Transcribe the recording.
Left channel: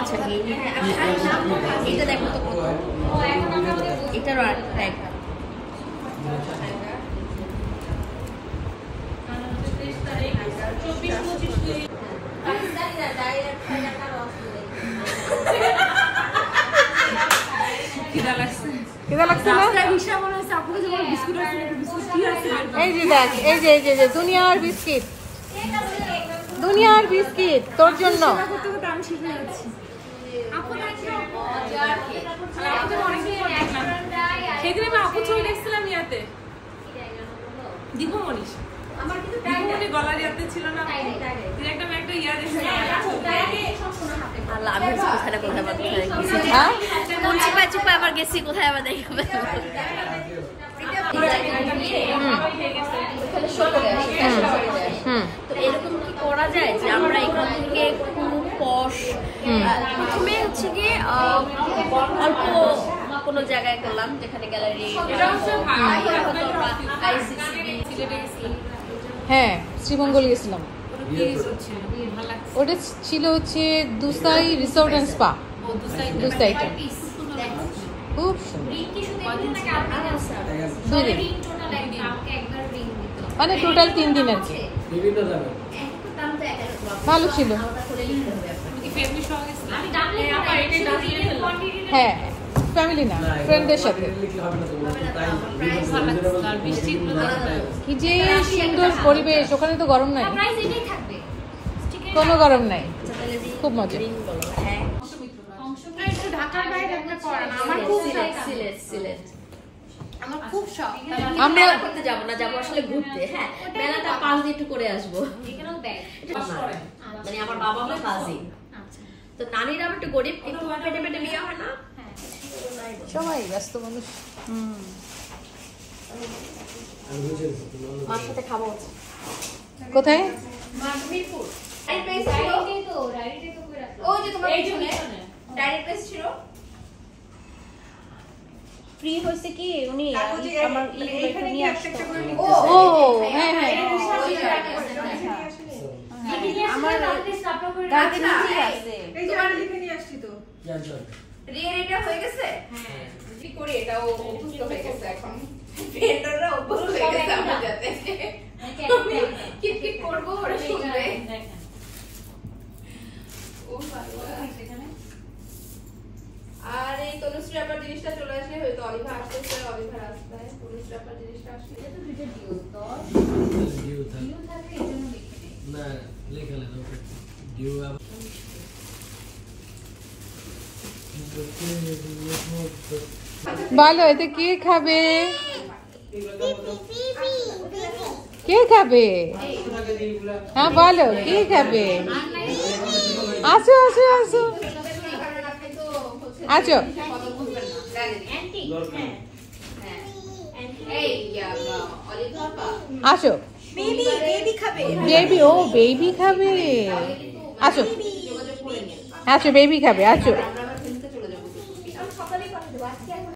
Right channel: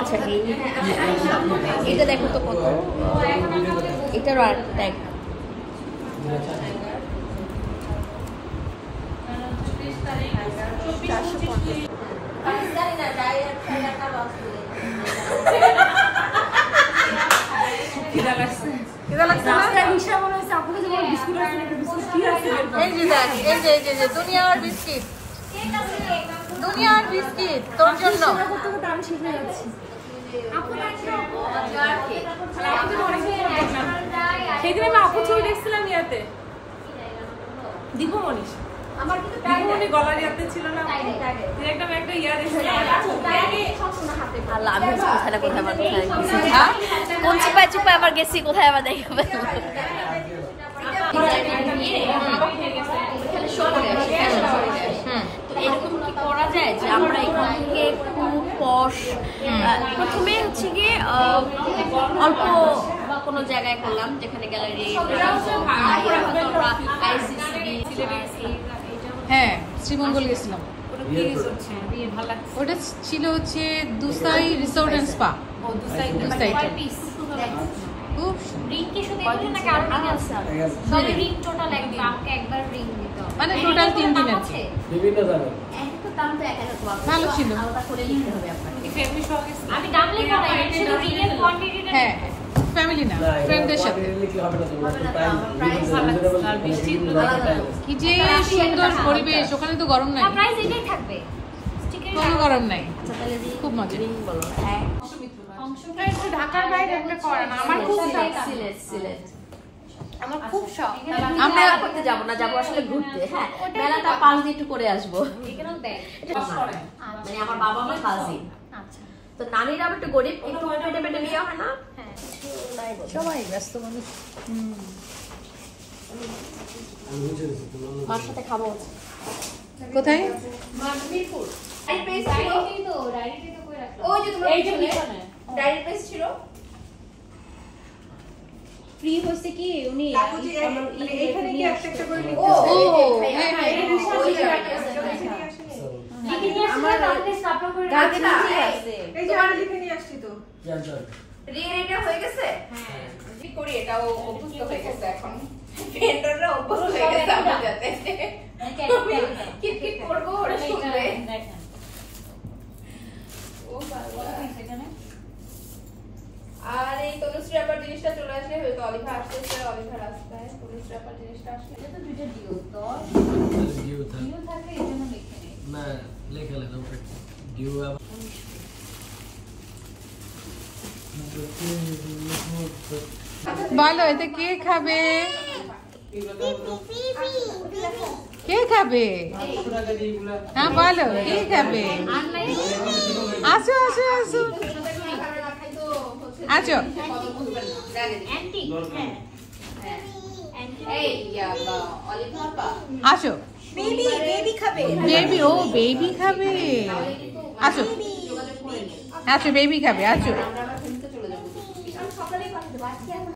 আচ্ছা এটা দেখো তো কত, এটারও আর ট্যাগ দুনিয়ার বিস্কিট, দুনিয়ার বিস্কিট তোর জন্য। সেদিন আমি আপু ছবি দেখছিলাম ইয়াতে দীপু মনীষ, আমার কিন্তু দীপুমণি গলার ইয়াতে ছিল না, একটা ইয়া দেখছিলাম। আল্লাহ আমি কোথায় না কোথায় কোন চিপায় চিপায় আবার গেছি, কোথায় আবার দেখে এরকম কি করা যায় যে আমরা এখান থেকে খুব পশ প্রথমে হচ্ছে গিয়ে অল্প কোনো জায়গায় করলাম যেখানে গ্যালারি, হ্যাঁ শ্রীমঙ্গল গেছিলাম, ওটা ছিল হচ্ছে দুসাই রিসোর্ট এন্ড স্পা, খুব মানে টোটাল 3 দিন আছে, ভালো ছিল। হ্যাঁ ফ্যামিলি না ফ্রেন্ডদের সাথে, কি যে সুন্দর পরিবেশ, ওখানে তো গরম নাই, কোনো গরম নাই, খুব মজা। ঢাকার বাইরে একটা করে না, আমার খুব আমার খুব শখ। আমরা মেলা করতে যাব না, যাব আসলে ঘুরতে। হ্যাঁ মেলাটা পাঁচ দিন একটু করে আসবো, মানে আমার বাবা আমার কাজিন, তো নানিরা একটু গরিব কিন্তু পেটে পেটে বিয়ে হয় না, সবাই ব্যস্ত মানুষ। মার সাথে খাবো। কোথায় ওই যে তোমার ডাইরেক্ট প্লেস ছিল, ফ্রি হইছে কি উনি এখানে কি একটা করে নিতে। ও হ্যাঁ হ্যাঁ আমার গাড়িতে নিচে আছে, এই যে আমি লিখে নিয়ে আসছি তো। রিয়েলিটা হয়ে গেছে। হ্যাঁ কি করি এটা, ও অভ্যস্ত হয়ে গেছে এখন, ভেন্ডররা অভ্যস্ত হয়ে গেছে আমাদের সাথে। কি কি করব ওরা শুনবে। ও বাবা সেখানে আর এই তনুশ্রী আবার জিনিসটা চলে আসলে হয়তো অলিভা আসছে, অলিভা রাস্তায় তনুশ্রী আবার জিনিসটা আসলে এটা তো দুইটা ডিও তো ডিও থাকে এজন্য লিখে দিই না, লেখা লেখা ওটা ডিও আবার বলো এতে কে খাবে, কে খাবে, হ্যাঁ বলো কে খাবে, আসো আসো আসো আছো, আসো বেবি খাবে, বেবি, ও বেবি খাবে, আসো আছো বেবি খাবে, আছো